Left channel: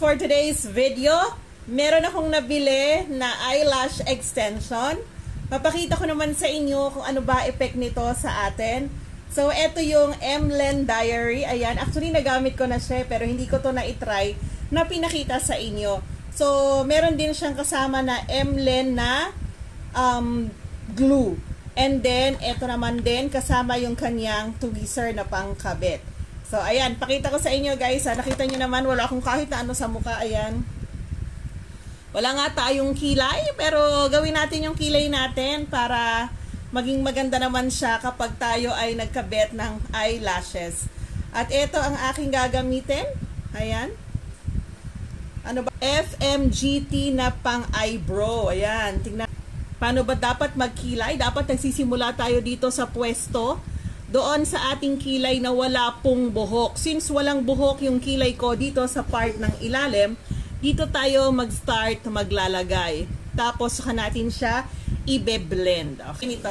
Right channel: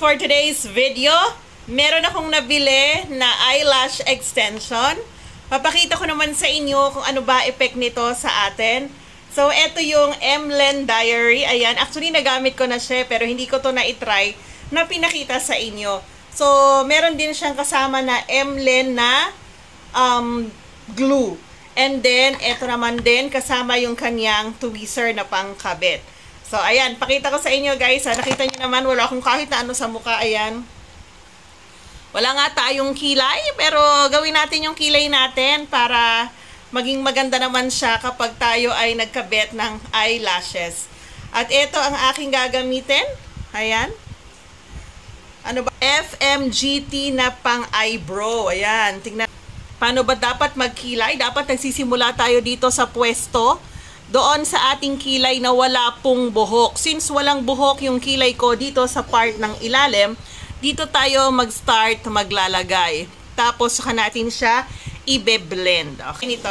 for today's video, meron akong nabili na eyelash extension. Papakita ko naman sa inyo kung ano ba effect nito sa atin. So, ito yung Emlen Diary. Ayan, actually nagamit ko na siya pero hindi ko to na-try na pinakita sa inyo. So, meron din siyang kasama na Emlen na glue. And then, ito naman din kasama yung kanyang tweezer na pangkabit. So, ayan, pakita ko sa inyo guys. Nakita nyo naman, wala akong kahit na ano sa mukha. Ayan. Wala nga tayong kilay, pero gawin natin yung kilay natin para maging maganda naman siya kapag tayo ay nagkabit ng eyelashes. At ito ang aking gagamitin. Ayan. Ano ba? FMGT na pang eyebrow. Ayan. Tingnan. Paano ba dapat magkilay? Dapat nagsisimula tayo dito sa pwesto. Doon sa ating kilay na wala pong buhok. Since walang buhok yung kilay ko dito sa part ng ilalim, dito tayo mag-start maglalagay. Tapos saka natin siya i-blend. Okay, nito.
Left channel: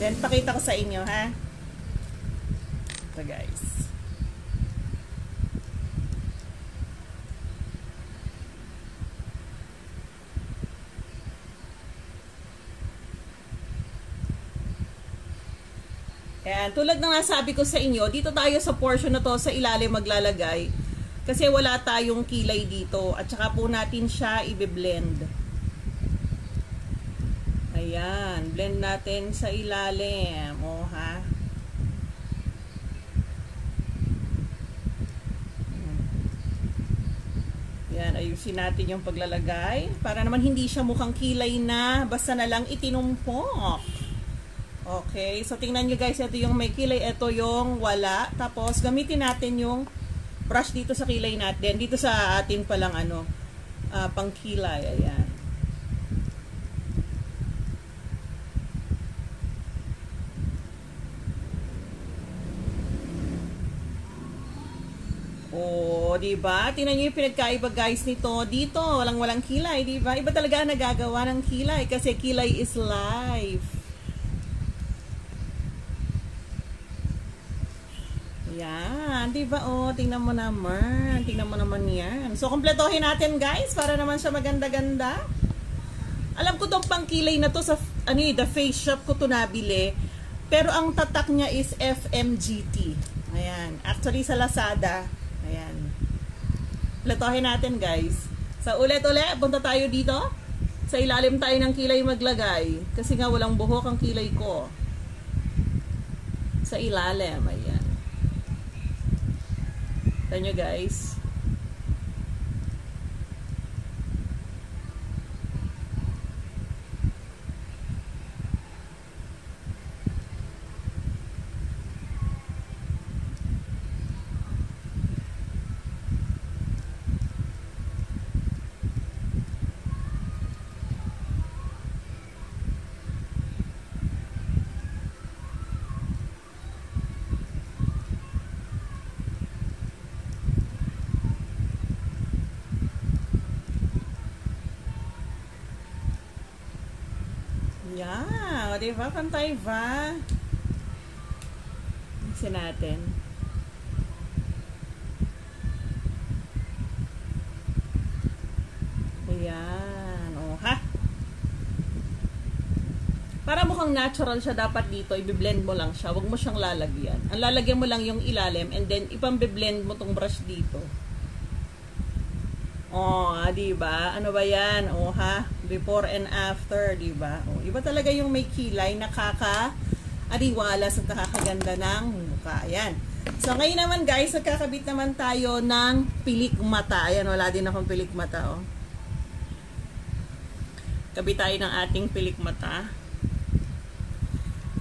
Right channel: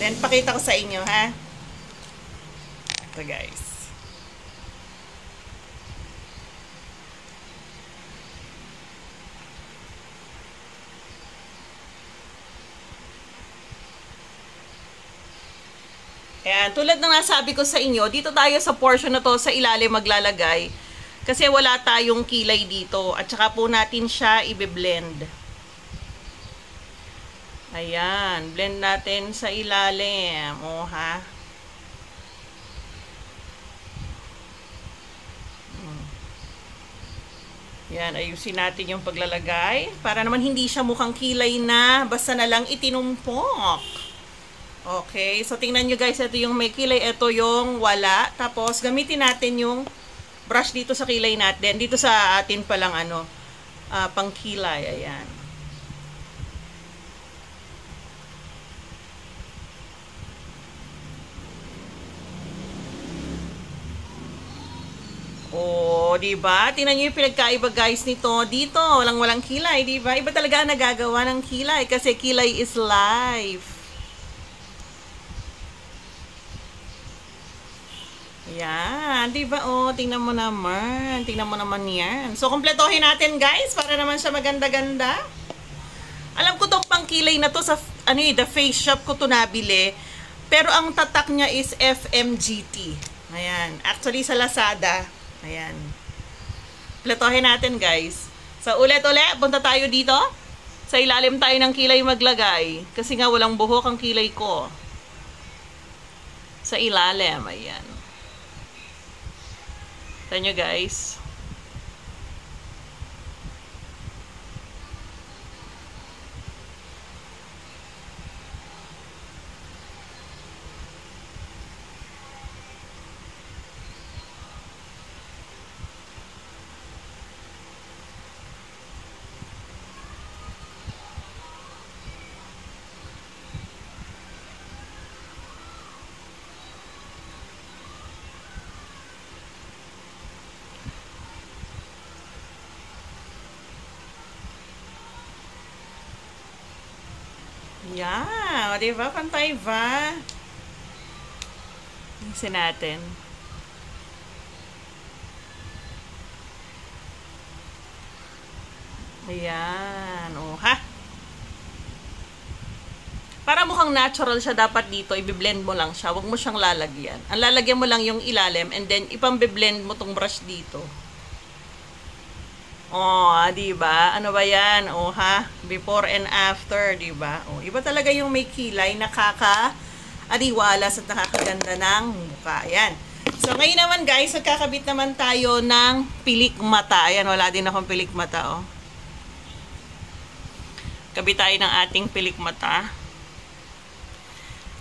Then pakita ko sa inyo, ha? Ito guys. Ayan, tulad ng nasabi ko sa inyo, dito tayo sa portion na to sa ilalim maglalagay. Kasi wala tayong kilay dito. At saka po natin siya i-blend. Ayan, blend natin sa ilalim. O ha. Ayan, ayusin natin yung paglalagay. Para naman hindi siya mukhang kilay na. Basta na lang itinumpok. Okay, so tingnan nyo guys, ito yung may kilay, ito yung wala. Tapos gamitin natin yung brush dito sa kilay natin. Dito sa atin palang ano, pang kilay, ayan. Oh, di ba? Tingnan niyo yung pinagkaiba guys nito. Dito, walang kilay, di ba? Iba talaga ang nagagawa ng kilay kasi kilay is life. Yan, di ba? Oh, tingnan mo naman. Tingnan mo naman yan. So, kompletohin natin, guys, para naman siya maganda-ganda. Alam ko tong pangkilay na to sa ano, the face shop ko to nabili. Pero ang tatak niya is FMGT. Ayan. Actually sa Lazada. Ayan. Kompletohin natin, guys. So, ulit-ulit, punta tayo dito. Sa ilalim tayo ng kilay maglagay. Kasi nga walang buhok ang kilay ko. Sa ilalim, ayan. Tignan nyo guys. Yan, di ba? Pantay ba? Isin natin. Ayan, oh ha. Para mukhang natural siya dapat dito, i-blend mo lang siya. Huwag mo siyang lalagyan. Ang lalagyan mo lang yung ilalim and then ipang-blend mo tong brush dito. Oh, di ba? Ano ba 'yan? Oh, ha? Before and after, di ba? Oh, iba talaga yung may kilay, nakaka-ariwalas at nakakaganda ng mukha. Ayan. So, ngayon naman, guys, magkakabit naman tayo ng pilik mata. Ayan, wala din akong pilik mata, oh. Kabit tayo ng ating pilik mata.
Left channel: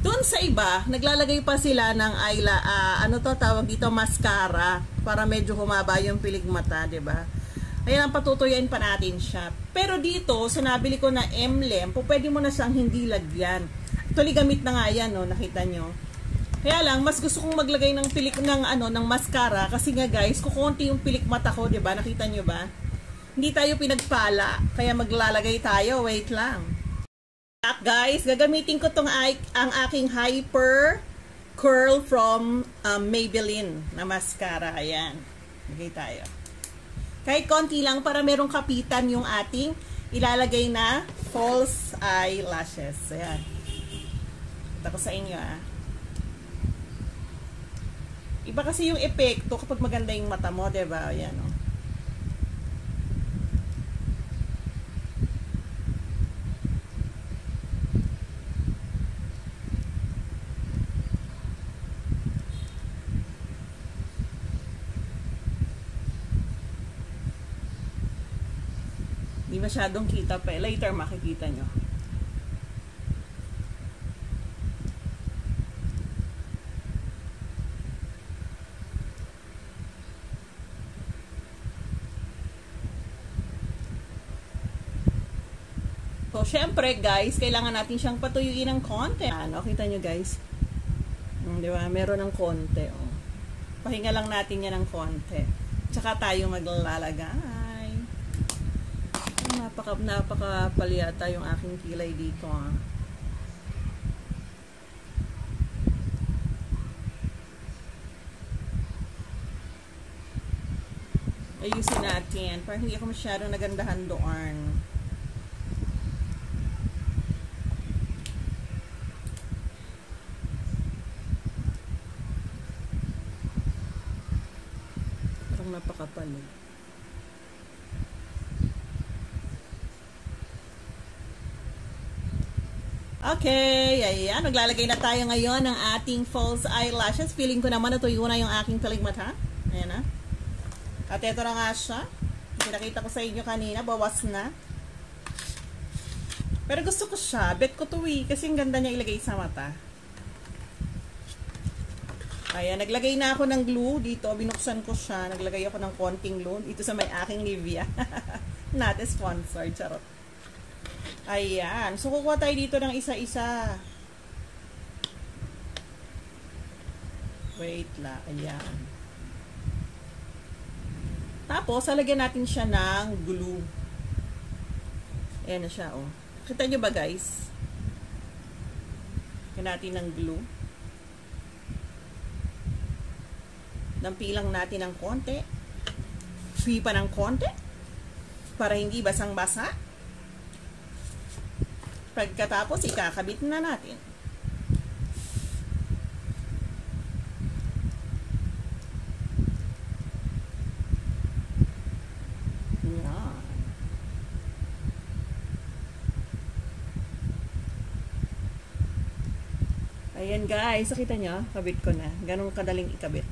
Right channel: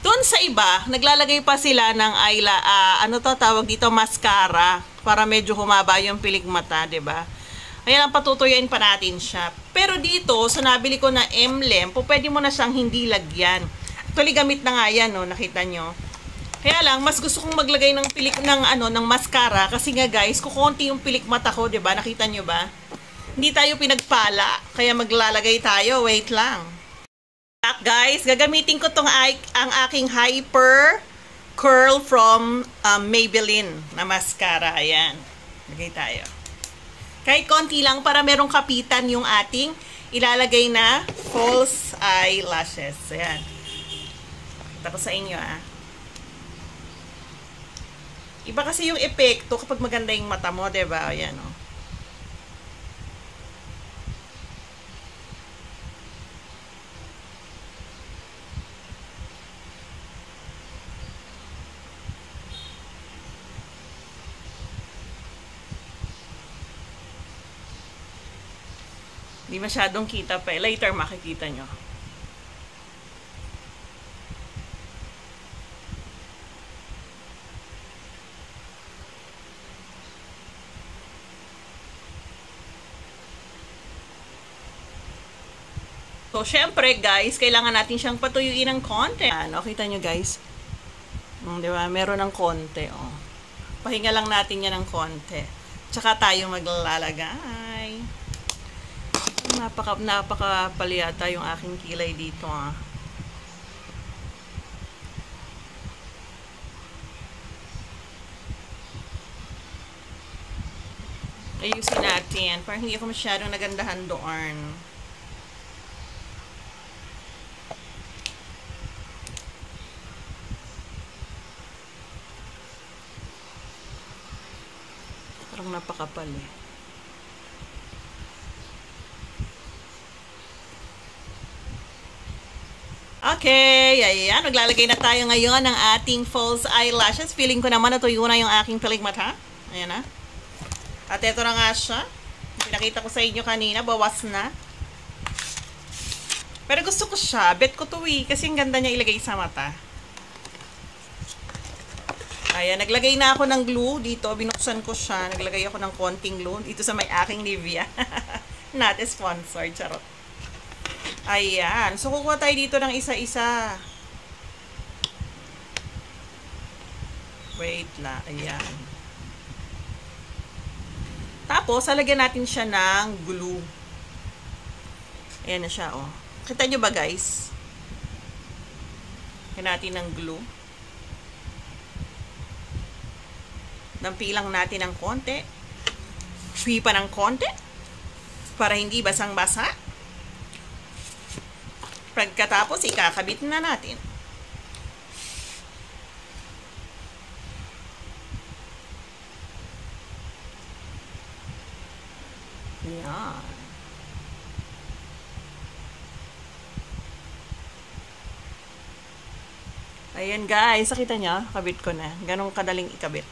Doon sa iba, naglalagay pa sila ng ano to tawag dito, mascara para medyo humaba yung pilik mata, di ba? Ayan, ang patutuyuin pa natin siya. Pero dito, so nabili ko na Emlen, pwede mo na siyang hindi lagyan. Actually, gamit na nga yan, no? Nakita nyo. Kaya lang, mas gusto kong maglagay ng pilik ng mascara kasi nga guys, kukunti yung pilik mata ko, 'di ba? Nakita nyo ba? Hindi tayo pinagpala, kaya maglalagay tayo. Wait lang. Guys, gagamitin ko ang aking Hyper Curl from Maybelline na mascara. Ayan. Lagay tayo. Kahit konti lang para merong kapitan yung ating ilalagay na false eyelashes. Ayan. Kita ko sa inyo Iba kasi yung epekto kapag maganda yung mata mo, diba? Ayan o. Hindi masyadong kita pa. Later makikita nyo. So, syempre guys, kailangan natin siyang patuyuin ng konti. Ano, kita nyo guys. Diba? Meron ng konti. Oh. Pahinga lang natin yan ng konti. Tsaka tayo maglalagay. Napaka-palyata yung aking kilay dito Ayusin natin. Parang hindi ako masyadong nagandahan doon. Parang napakapal Okay, ayan. Maglalagay na tayo ngayon ng ating false eyelashes. Feeling ko naman natuyo na yung aking pilig mata. Ayan At ito na nga siya. Pinakita ko sa inyo kanina. Bawas na. Pero gusto ko siya. Bet ko to kasi ang ganda niya ilagay sa mata. Ayan, naglagay na ako ng glue dito. Binuksan ko siya. Naglagay ako ng konting glue dito sa may aking Nivea. Not a sponsor. Charot. Ayan. So, kukuha tayo dito ng isa-isa. Wait lang. Ayan. Tapos, halagyan natin siya ng glue. Ayan na siya, Kita nyo ba, guys? Lagyan natin ng glue. Nampilang natin ng konti. Free pa ng konti. Para hindi basang-basa. Pagkatapos, ikakabit na natin. Yan. Ayan guys, nakita nyo? Kabit ko na. Ganong kadaling ikabit.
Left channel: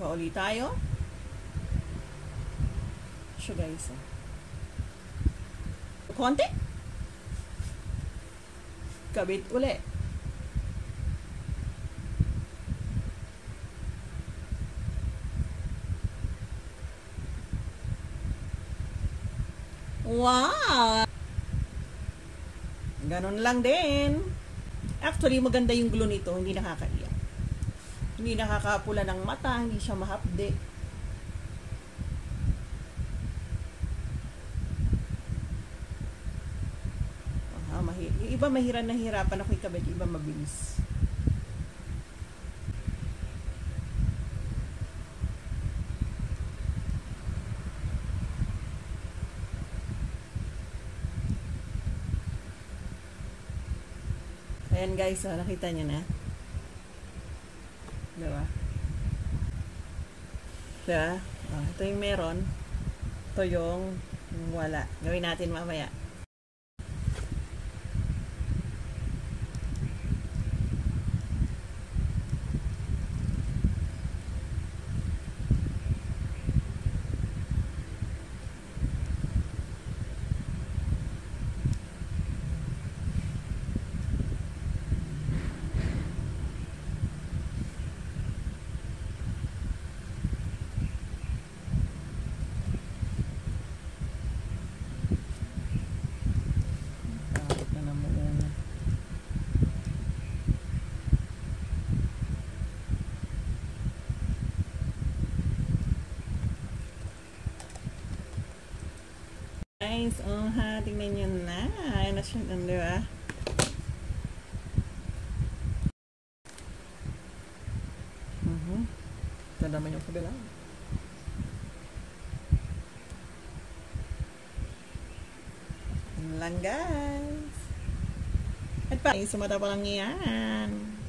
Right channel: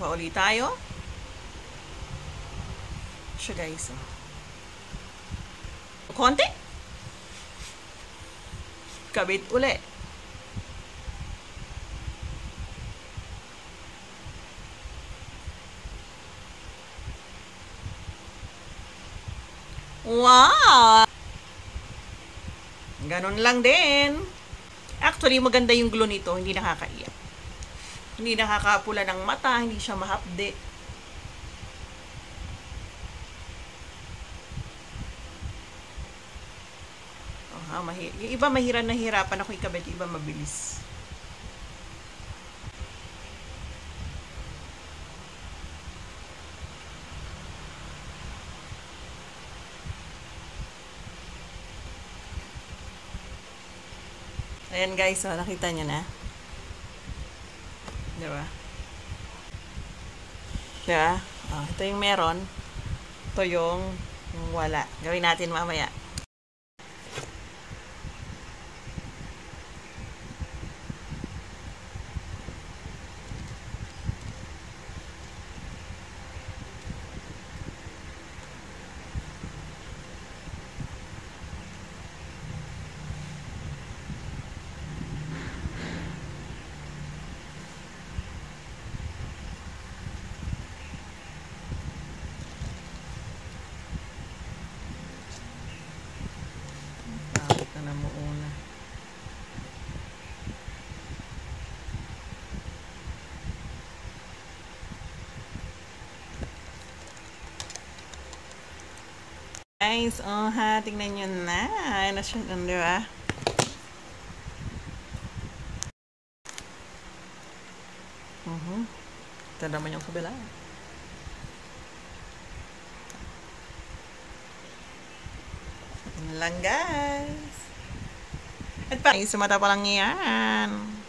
Kuha ulit tayo. Siya guys, konti. Kabit uli. Wow! Ganon lang din. Actually, maganda yung glue nito. Hindi nakakaiyak. Hindi nakakapula ng mata. Hindi siya mahapde. Yung iba nahihirapan ako ikabit, iba mabilis. Ayan guys, nakita nyo na. Diba? Diba? Ito yung meron. Ito yung wala. Gawin natin mamaya. Guys, tingnan nyo na. Ano siya dun, di ba? Ito naman yung kabila. Yan lang guys. At pa, sa mata pa lang yan.